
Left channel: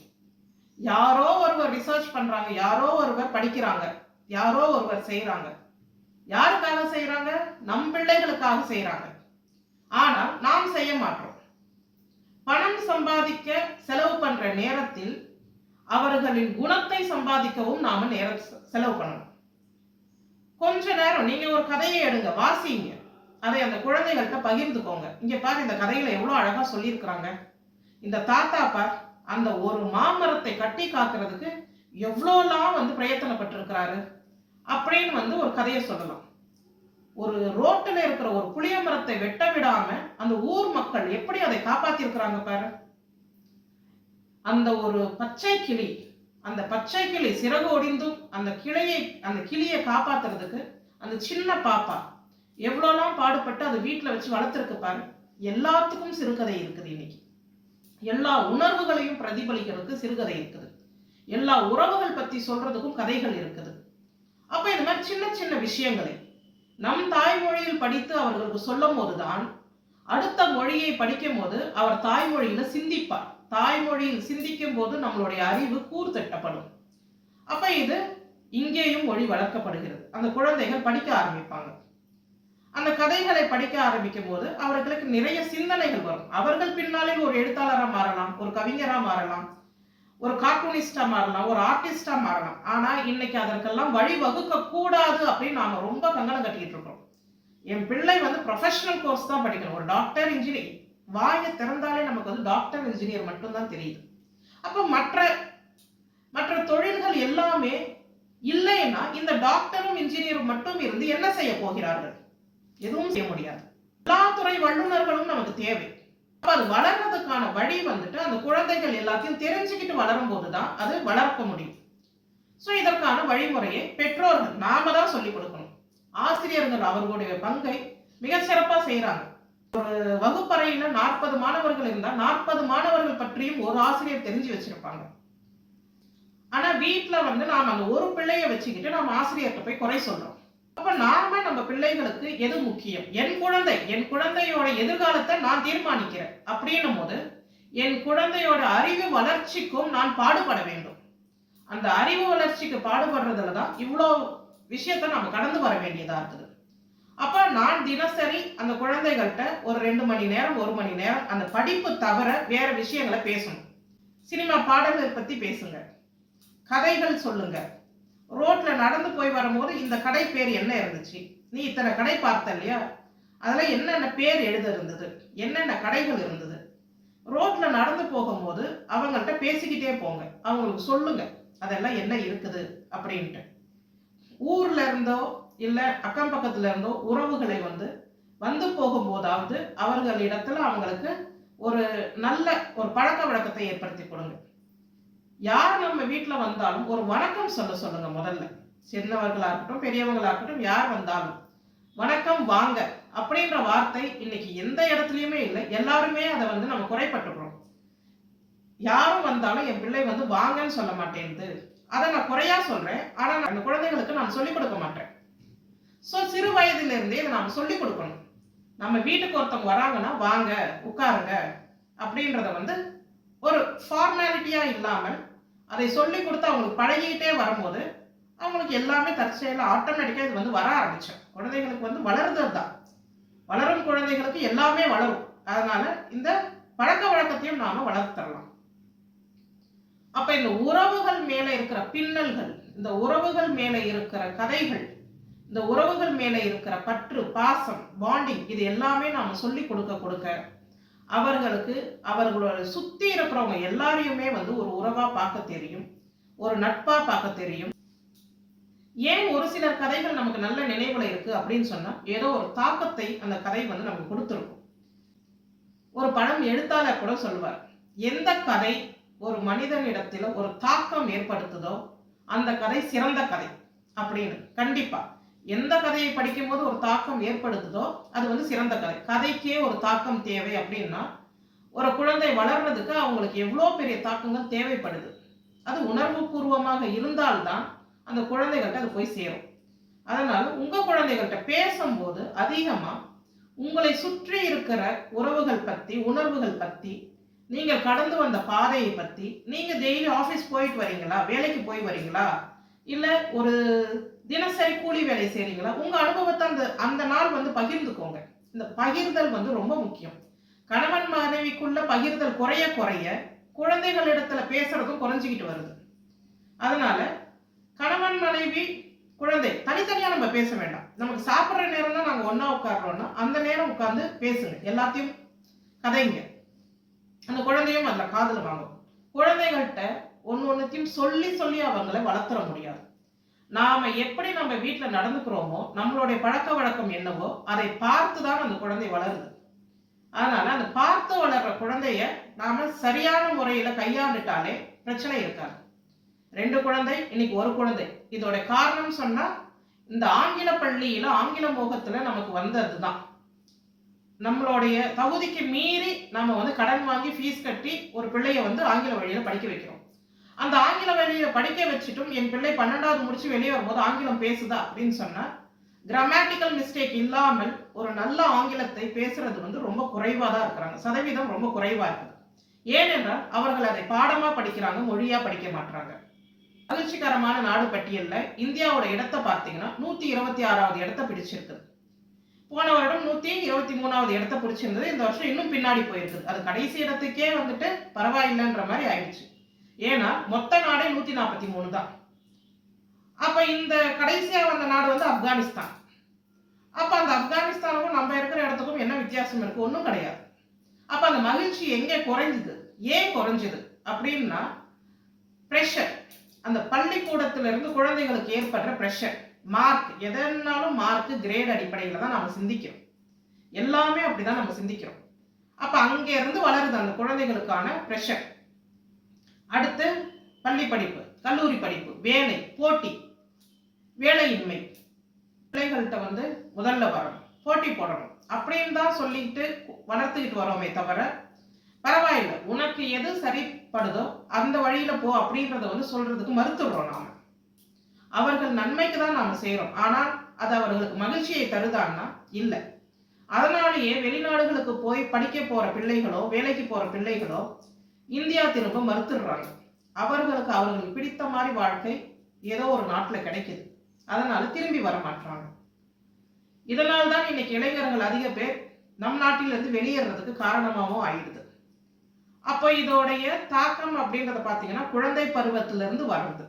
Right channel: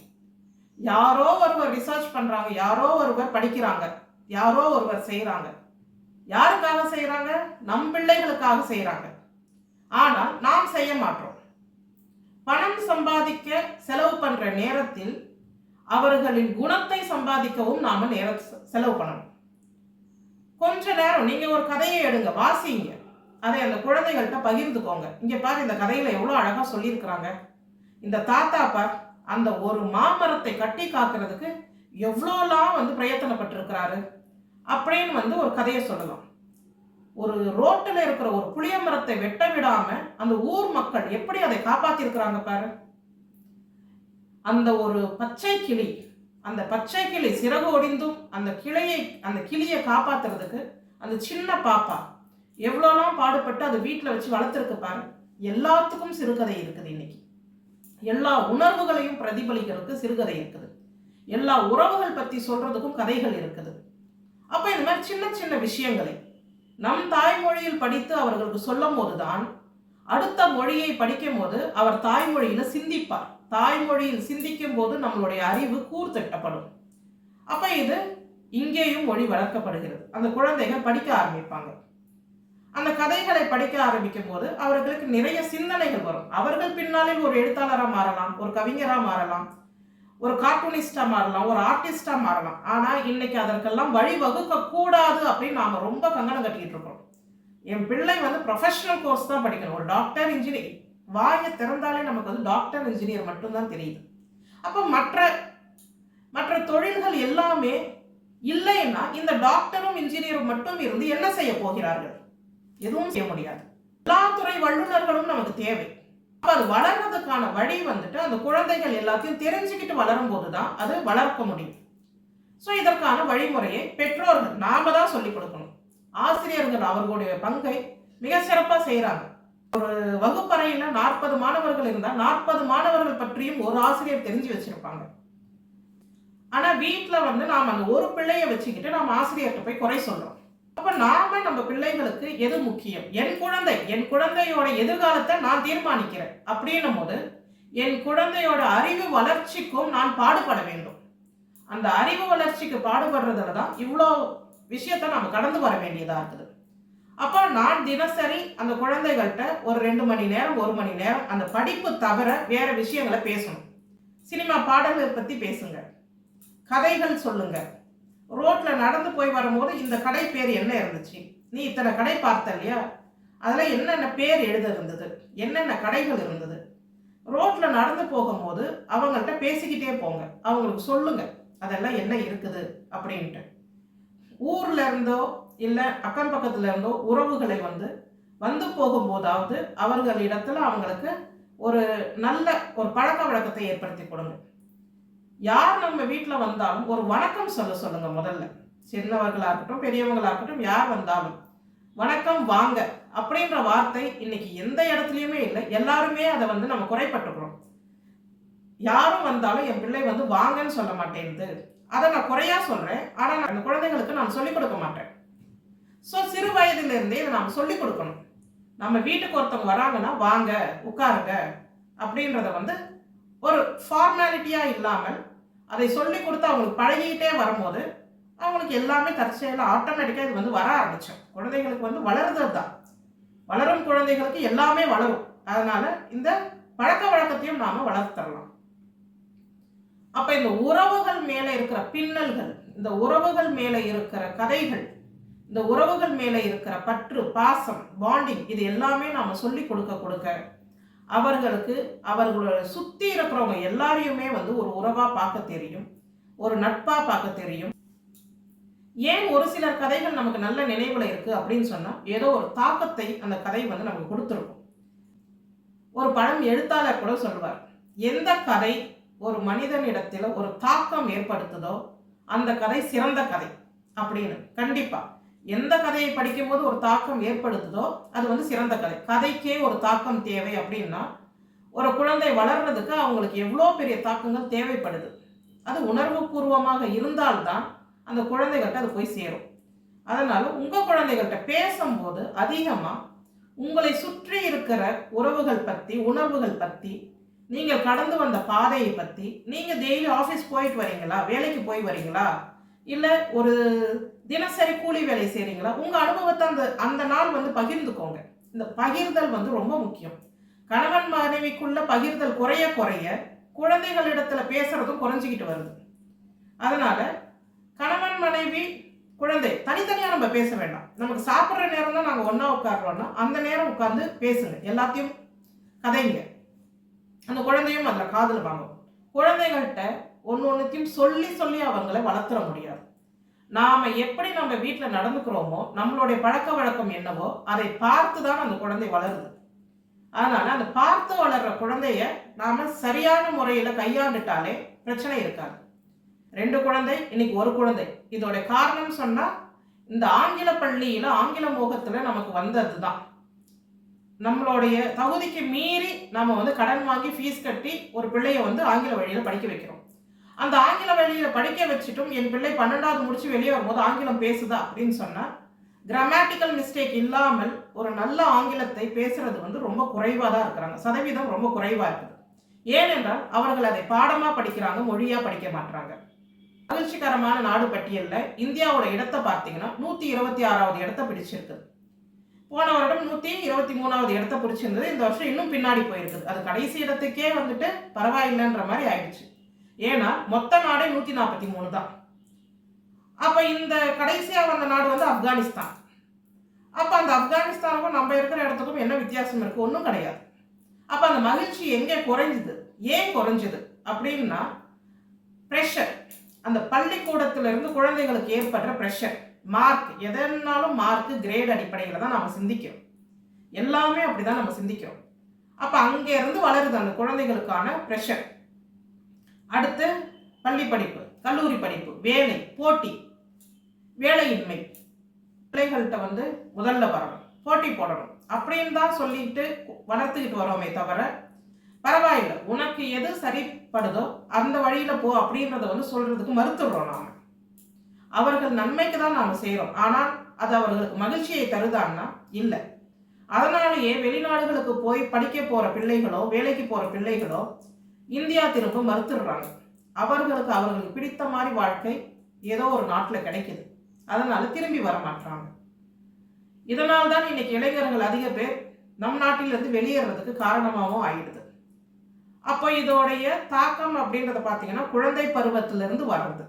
யாரோ ஒருவர் ரிசர்ச் பண்றாங்க, யாரோ ஒருவர் படிக்கிறாங்க, யாரோ ஒருவர் செய்யறாங்க. யாருக்காக செய்யறாங்க? நம் பிள்ளைகளுக்காக செய்யறாங்க. ஆனால் நாம் செய்ய மாட்டோம். பணம் சம்பாதிக்க செலவு பண்ற நேரத்தில் அவர்களின் குணத்தை சம்பாதிக்கவும் நாம நேரம் செலவு பண்ணணும். கொஞ்ச நேரம் நீங்க ஒரு கதையை எடுங்க, வாசிங்க, அதை அந்த குழந்தைகள்கிட்ட பகிர்ந்துக்கோங்க. இங்க பாரு, இந்த கதையில எவ்வளவு அழகா சொல்லியிருக்கிறாங்க, இந்த தாத்தா பார் அந்த ஒரு மாமரத்தை கட்டி காக்கிறதுக்கு எவ்வளோலாம் வந்து பிரயத்தனப்பட்டிருக்கிறாரு அப்படின்னு வந்து ஒரு கதையை சொல்லலாம். ஒரு ரோட்டில் இருக்கிற ஒரு புளிய மரத்தை வெட்ட விடாம அந்த ஊர் மக்கள் எப்படி அதை காப்பாத்திருக்கிறாங்க பாரு. அந்த ஒரு பச்சை கிளி, அந்த பச்சை கிளி சிறகு ஒடிந்தும் அந்த கிளியை காப்பாத்துறதுக்கு அந்த சின்ன பாப்பா எவ்வளோலாம் பாடுபட்டு அதை வீட்டில் வச்சு வளர்த்துருக்கு பாரு. எல்லாத்துக்கும் சிறுகதை இருக்குது. இன்னைக்கு எல்லா உணர்வுகளையும் பிரதிபலிக்கிறதுக்கு சிறுகதை இருக்குது, எல்லா உறவுகள் பத்தி சொல்றதுக்கும் கதைகள் இருக்குது. அப்ப இந்த மாதிரி சின்ன சின்ன விஷயங்களை நம் தாய்மொழியில் படித்து அவர்களுக்கு சொல்லும் போதுதான் அடுத்த மொழியை படிக்கும் போது அவர் தாய்மொழியில சிந்திப்பார். தாய்மொழியில் சிந்திக்கும் போது நம்மளுடைய அறிவு கூர்தட்டப்படும். அப்ப இது இங்கேயும் மொழி வளர்க்கப்படுகிறது. அந்த குழந்தைகள் படிக்க ஆரம்பிப்பாங்க. அந்த கதைகளை படிக்க ஆரம்பிக்கும் போது அவர்களுக்கு நிறைய சிந்தனைகள் வரும். அவர்கள் பின்னாளில் ஒரு எழுத்தாளராக மாறலாம், ஒரு கவிஞராக மாறலாம், ஒரு கார்ட்டூனிஸ்டா மாறலாம், ஒரு ஆர்டிஸ்டா மாறலாம். ஆனா இன்னைக்கு அதற்கெல்லாம் வழி வகுக்க கூடாது அப்படின்னு நாம ரொம்ப கங்கணம் கட்டிக்கிட்டு இருக்கோம். என் பிள்ளை வந்து ப்ரொஃபஷனல் கோர்ஸ் தான் படிக்கணும், ஒரு டாக்டர் இன்ஜினியர். வாயை திறந்தாலே நமக்கு வந்து டாக்டர் இன்ஜினியர் மட்டும்தான் தெரியுது. அப்போ மற்ற மற்ற தொழில்கள் எல்லாமே இல்லைன்னா இந்த டாக்டரும் இன்ஜினியரும் மட்டும் இருந்து என்ன செய்ய போகிறார்கள்? எதுவும் செய்ய முடியாது. எல்லா துறை வல்லுநர்களும் நமக்கு தேவை. அது வளர்றதுக்கான வழி வந்துட்டு அந்த குழந்தைகள் எல்லாத்தையும் தெரிஞ்சுக்கிட்டு வளரும் போதுதான் அது வளர்க்க முடியும். ஸோ இதற்கான வழிமுறையை பெற்றோர்கள் நாம தான் சொல்லிக் கொடுக்கணும். ஆசிரியர்கள் அவர்களுடைய பங்கை மிக சிறப்பா செய்யறாங்க. ஒரு வகுப்பறையில 40 மாணவர்கள் இருந்தா 40 மாணவர்கள் பற்றியும் ஒரு ஆசிரியர் தெரிஞ்சு வச்சிருப்பாங்க. ஆனா வீட்டுல வந்து நாம அந்த ஒரு பிள்ளைய வச்சுக்கிட்டு நாம ஆசிரியர்கிட்ட போய் குறை சொல்றோம். அப்ப நாம நம்ம பிள்ளைகளுக்கு எது முக்கியம்? என் குழந்தையோட எதிர்காலத்தை நான் தீர்மானிக்கிறேன் அப்படின்னும் போது என் குழந்தையோட அறிவு வளர்ச்சிக்கும் நான் பாடுபட வேண்டும். அந்த அறிவு வளர்ச்சிக்கு பாடுபடுறதுல தான் இவ்வளோ விஷயத்த நாம கடந்து வர வேண்டியதா இருக்குது. அப்ப நான் தினசரி அந்த குழந்தைகள்கிட்ட ஒரு 2 மணி நேரம் 1 மணி நேரம் அந்த படிப்பு தவிர வேற விஷயங்களை பேசணும். சினிமா பாடல்கள் பத்தி பேசுங்க, கதைகள் சொல்லுங்க. ரோட்ல நடந்து போய் வரும்போது இந்த கடை பேர் என்ன இருந்துச்சு, நீ இத்தனை கடை பார்த்த இல்லையா, அதில் என்னென்ன பேர் எழுத இருந்தது, என்னென்ன கடைகள் இருந்தது. ரோட்ல நடந்து போகும்போது அவங்கள்ட்ட பேசிக்கிட்டே போங்க, அவங்களுக்கு சொல்லுங்க அதெல்லாம் என்ன இருக்குது அப்படின்ட்டு. ஊர்ல இருந்தோ இல்லை அக்கம் பக்கத்துல இருந்தோ உறவுகளை வந்து போகும்போதாவது அவர்களிடத்துல அவங்களுக்கு ஒரு நல்ல ஒரு பழக்க வழக்கத்தை ஏற்படுத்தி கொடுங்க. யார் நம்ம வீட்டில் வந்தாலும் ஒரு வணக்கம் சொல்லுங்க. முதல்ல சின்னவர்களா இருக்கட்டும் பெரியவங்களா இருக்கட்டும், யார் வந்தாலும் வணக்கம் வாங்க அப்படின்ற வார்த்தை இன்னைக்கு எந்த இடத்துலையுமே இல்லை. எல்லாருமே அதை நம்ம குறைப்பட்டுக்கிறோம். யாரும் வந்தாலும் என் பிள்ளை வாங்கன்னு சொல்ல மாட்டேங்குது, அதை நான் குறையா சொல்றேன். ஆனா நான் அந்த குழந்தைகளுக்கு நான் சொல்லிக் கொடுக்க மாட்டேன். ஸோ சிறு வயதிலிருந்தே இதை நாம் சொல்லிக் கொடுக்கணும். நம்ம வீட்டுக்கு ஒருத்தவங்க வராங்கன்னா வாங்க உட்காருங்க அப்படின்றத ஒரு ஃபார்மாலிட்டியாக இல்லாமல் அதை சொல்லி கொடுத்து அவங்களுக்கு பழகிக்கிட்டே வரும்போது அவங்களுக்கு எல்லாமே தற்செயலாக ஆட்டோமேட்டிக்காக இது வர ஆரம்பிச்சோம். குழந்தைகளுக்கு வளருறது தான், வளரும் குழந்தைகளுக்கு எல்லாமே வளரும். அதனால இந்த பழக்க வழக்கத்தையும் நாம வளர்த்து தரலாம். அப்ப இந்த உறவுகள் மேல இருக்கிற பின்னல்கள், இந்த உறவுகள் மேல இருக்கிற கதைகள், இந்த உறவுகள் மேல இருக்கிற பற்று பாசம் பாண்டிங், இது எல்லாமே நாம சொல்லி கொடுக்க அவர்களுக்கு அவர்களோட சுத்தி இருக்கிறவங்க எல்லாரையுமே ஒரு உறவா பார்க்க தெரியும், ஒரு நட்பா பார்க்க தெரியும். ஏன் ஒரு சிலர் கதைகள் நமக்கு நல்ல நினைவுல இருக்கு அப்படின்னு சொன்னா ஏதோ ஒரு தாக்கத்தை அந்த கதை நமக்கு கொடுத்துருக்கும். ஒரு பழம் எழுத்தாளர் கூட சொல்லுவார், எந்த கதை ஒரு மனிதனிடத்துல ஒரு தாக்கம் ஏற்படுத்துதோ அந்த கதை சிறந்த கதை அப்படின்னு. கண்டிப்பா எந்த கதையை படிக்கும் போது ஒரு தாக்கம் ஏற்படுத்துதோ அது சிறந்த கதை. கதைக்கே ஒரு தாக்கம் தேவை அப்படின்னா ஒரு குழந்தை வளர்றதுக்கு அவங்களுக்கு எவ்வளோ பெரிய தாக்கங்கள் தேவைப்படுது. அது உணர்வு பூர்வமாக இருந்தால்தான் அந்த குழந்தைகள்கிட்ட அது போய் சேரும். அதனால உங்க குழந்தைகள்கிட்ட பேசும்போது அதிகமா உங்களை சுற்றி இருக்கிற உறவுகள் பத்தி உணர்வுகள் பத்தி, நீங்கள் கடந்து வந்த பாதையை பத்தி, நீங்க டெய்லி ஆஃபீஸ் போயிட்டு வரீங்களா, வேலைக்கு போய் வரீங்களா, இல்ல ஒரு தினசரி கூலி வேலை செய்றீங்களா, உங்க அனுபவத்தை அந்த நாள் பகிர்ந்துக்கோங்க. இந்த பகிர்தல் ரொம்ப முக்கியம். கணவன் மனைவிக்குள்ள பகிர்தல் குறைய குறைய குழந்தைகளிடத்துல பேசுறதும் குறைஞ்சிக்கிட்டு வருது. அதனால கணவன் மனைவி குழந்தை தனித்தனியா நம்ம பேச வேண்டாம். நமக்கு சாப்பிட்ற நேரம் தான் நாங்கள் ஒன்னா உட்காடுறோம்னா அந்த நேரம் உட்கார்ந்து பேசுங்க, எல்லாத்தையும் கதைங்க. அந்த குழந்தையும் அதுல காதல் வாங்கும். குழந்தைகள்கிட்ட ஒன்னொன்னுத்தையும் சொல்லி சொல்லி அவங்களை வளர்த்துற முடியாது. நாம எப்படி நம்ம வீட்டில் நடந்துக்கிறோமோ, நம்மளுடைய பழக்க வழக்கம் என்னவோ அதை பார்த்து தான் அந்த குழந்தை வளருது. அதனால அந்த பார்த்து வளர்ற குழந்தைய நாம சரியான முறையில கையாண்டுட்டாலே பிரச்சனை இருக்காது. 2 குழந்தை இன்னைக்கு 1 குழந்தை. இதோட காரணம் சொன்னா இந்த ஆங்கில பள்ளியில ஆங்கில மோகத்துல நமக்கு வந்ததுதான். நம்மளுடைய தகுதிக்கு மீறி நாம கடன் வாங்கி ஃபீஸ் கட்டி ஒரு பிள்ளைய ஆங்கில வழியில படிக்க வைக்கிறோம். அந்த ஆங்கில வழியில படிக்க வச்சுட்டும் என் பிள்ளை 12வது முடிச்சு வெளியே வரும்போது ஆங்கிலம் பேசுதா அப்படின்னு சொன்னா கிராமட்டிக்கல் மிஸ்டேக் இல்லாமல் ஒரு நல்ல ஆங்கிலத்தை பேசுறது வந்து ரொம்ப குறைவாக தான் இருக்கிறாங்க. சதவீதம் ரொம்ப குறைவாக இருக்குது. ஏனென்றால் அவர்கள் அதை பாடமாக படிக்கிறாங்க, மொழியாக படிக்க மாட்டாங்க. மகிழ்ச்சிகரமான நாடு பட்டியலில் இந்தியாவோட இடத்தை பார்த்தீங்கன்னா 126வது இடத்தை பிடிச்சிருக்குது. போன வருடம் 123வது இடத்தை பிடிச்சிருந்தது. இந்த வருஷம் இன்னும் பின்னாடி போயிருக்குது. அது கடைசி இடத்துக்கே வந்துட்டு பரவாயில்லைன்ற மாதிரி ஆயிடுச்சு. ஏன்னா மொத்த நாடே 143 தான். அப்போ இந்த கடைசியாக வந்த நாடு வந்து ஆப்கானிஸ்தான். அப்போ அந்த ஆப்கானிஸ்தானுக்கும் நம்ம இருக்கிற இடத்துக்கும் என்ன வித்தியாசம் இருக்குது? ஒன்றும் கிடையாது. அப்போ அந்த மகிழ்ச்சி எங்கே குறைஞ்சுது? ஏன் குறைஞ்சுது அப்படின்னா ப்ரெஷர். அந்த பள்ளிக்கூடத்திலிருந்து குழந்தைகளுக்கு ஏற்படுற ப்ரெஷர், மார்க், எதனாலும் மார்க்கு, கிரேட் அடிப்படையில் தான் நம்ம சிந்திக்கிறோம். எல்லாமே அப்படி தான் நம்ம சிந்திக்கிறோம். அப்போ அங்கேருந்து வளருது அந்த குழந்தைகளுக்கான ப்ரெஷர். அடுத்து பள்ளி படிப்பு, கல்லூரி படிப்பு, வேலை, போட்டி, வேலையின்மை. பிள்ளைகள்கிட்ட வந்து முதல்ல வரணும், போட்டி போடணும் அப்படின்னு தான் சொல்லிட்டு வளர்த்துக்கிட்டு வரோமே தவிர, பரவாயில்லை உனக்கு எது சரிப்படுதோ அந்த வழியில் போ அப்படின்றத வந்து சொல்கிறதுக்கு மறுத்துடுறோம் நாம். அவர்கள் நன்மைக்கு தான் நாம் செய்கிறோம். ஆனால் அது அவர்களுக்கு மகிழ்ச்சியை தருதான்னா இல்லை. அதனாலேயே வெளிநாடுகளுக்கு போய் படிக்க போகிற பிள்ளைகளோ வேலைக்கு போகிற பிள்ளைகளோ இந்தியா திரும்ப மறுத்துடுறாங்க. அவர்களுக்கு பிடித்த மாதிரி வாழ்க்கை ஏதோ ஒரு நாட்டில் கிடைக்குது. அதனால திரும்பி வர மாட்டாங்க. இதனால் தான் இன்னைக்கு இளைஞர்கள் அதிக பேர் நம் நாட்டிலிருந்து வெளியேறதுக்கு காரணமாகவும் ஆயிடுது. அப்போ இதோடைய தாக்கம் அப்படின்றத பார்த்தீங்கன்னா குழந்தை பருவத்திலிருந்து வர்றது.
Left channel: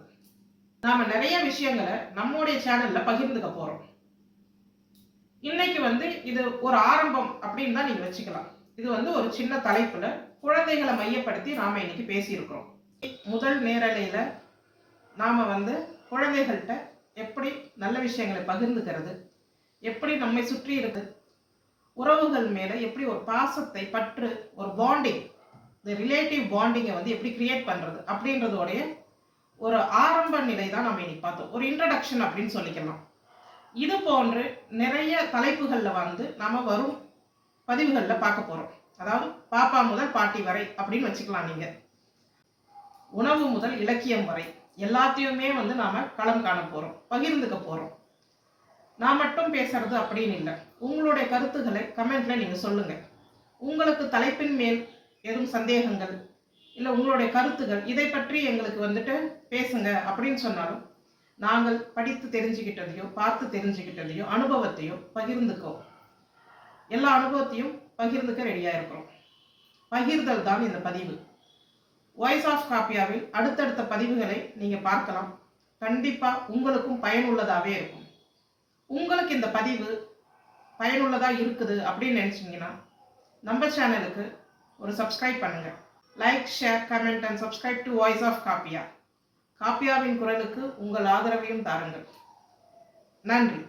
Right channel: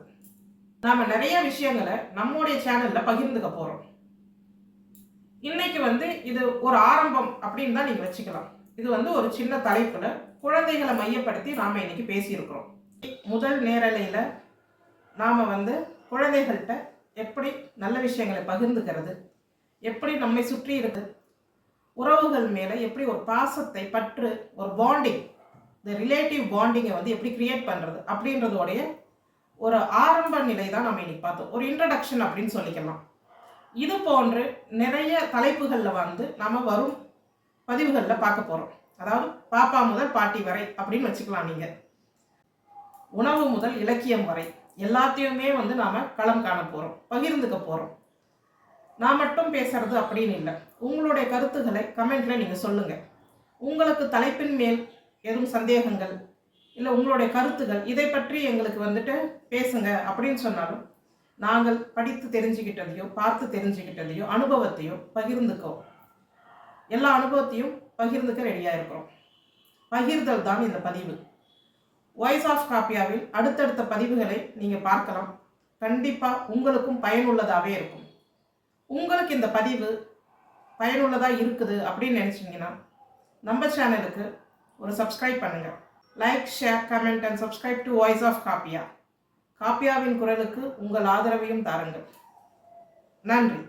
நாம் நிறைய விஷயங்களை நம்முடைய சேனலில் பகிர்ந்துக்க போகிறோம். இன்னைக்கு வந்து இது ஒரு ஆரம்பம் அப்படின்னு தான் நீங்கள் வச்சுக்கலாம். இது வந்து ஒரு சின்ன தலைப்பில் குழந்தைகளை மையப்படுத்தி நாம் இன்னைக்கு பேசியிருக்கிறோம். முதல் நேரலையில் நாம் வந்து குழந்தைகள்கிட்ட எப்படி நல்ல விஷயங்களை பகிர்ந்துக்கிறது, எப்படி நம்மை சுற்றி இருக்கு உறவுகள் மேலே எப்படி ஒரு பாசத்தை, பற்று, ஒரு பாண்டிங், இந்த ரிலேட்டிவ் பாண்டிங்கை வந்து எப்படி கிரியேட் பண்ணுறது அப்படின்றதோடைய ஒரு ஆரம்ப நிலை தான் நம்ம இன்னைக்கு பார்த்தோம். ஒரு இன்ட்ரடக்ஷன் அப்படின்னு சொல்லிக்கலாம். இது போன்று நிறைய தலைப்புகளில் வந்து நம்ம வரும் பதிவுகளில் பார்க்க போகிறோம். அதாவது பாப்பா முதல் பாட்டி வரை அப்படின்னு வச்சுக்கலாம். நீங்கள் உணவு முதல் இலக்கியம் வரை எல்லாத்தையுமே வந்து நாம் களம் காண போகிறோம், பகிர்ந்துக்க போகிறோம். நான் மட்டும் பேசுறது அப்படின்னு இல்லை. உங்களுடைய கருத்துக்களை கமெண்ட்ல நீங்கள் சொல்லுங்கள். உங்களுக்கு தலைப்பின் மேல் எதுவும் சந்தேகங்கள் இல்லை உங்களுடைய கருத்துகள் இதை பற்றி எங்களுக்கு வந்துட்டு பேசுங்க அப்படின்னு சொன்னாலும் நாங்கள் படித்து தெரிஞ்சுக்கிட்டதையோ பார்த்து தெரிஞ்சுக்கிட்டதையோ அனுபவத்தையோ பகிர்ந்துக்கோ. எல்லா அனுபவத்தையும் பகிர்ந்துக்க ரெடியாக இருக்கிறோம். பகிர்தல் தான் இந்த பதிவு. வாய்ஸ் ஆஃப் காப்பியாவில் அடுத்தடுத்த பதிவுகளை நீங்கள் பார்க்கலாம். கண்டிப்பாக உங்களுக்கும் பயனுள்ளதாகவே இருக்கும். உங்களுக்கு இந்த பதிவு பயனுள்ளதாக இருக்குது அப்படின்னு நினச்சிங்கன்னா நம்ம சேனலுக்கு ஒரு சப்ஸ்கிரைப் பண்ணுங்கள். Like, share, comment and subscribe to voice of Kappiya. காப்பியாவின் குரலுக்கு உங்கள் ஆதரவையும் தாருங்கள். நன்றி.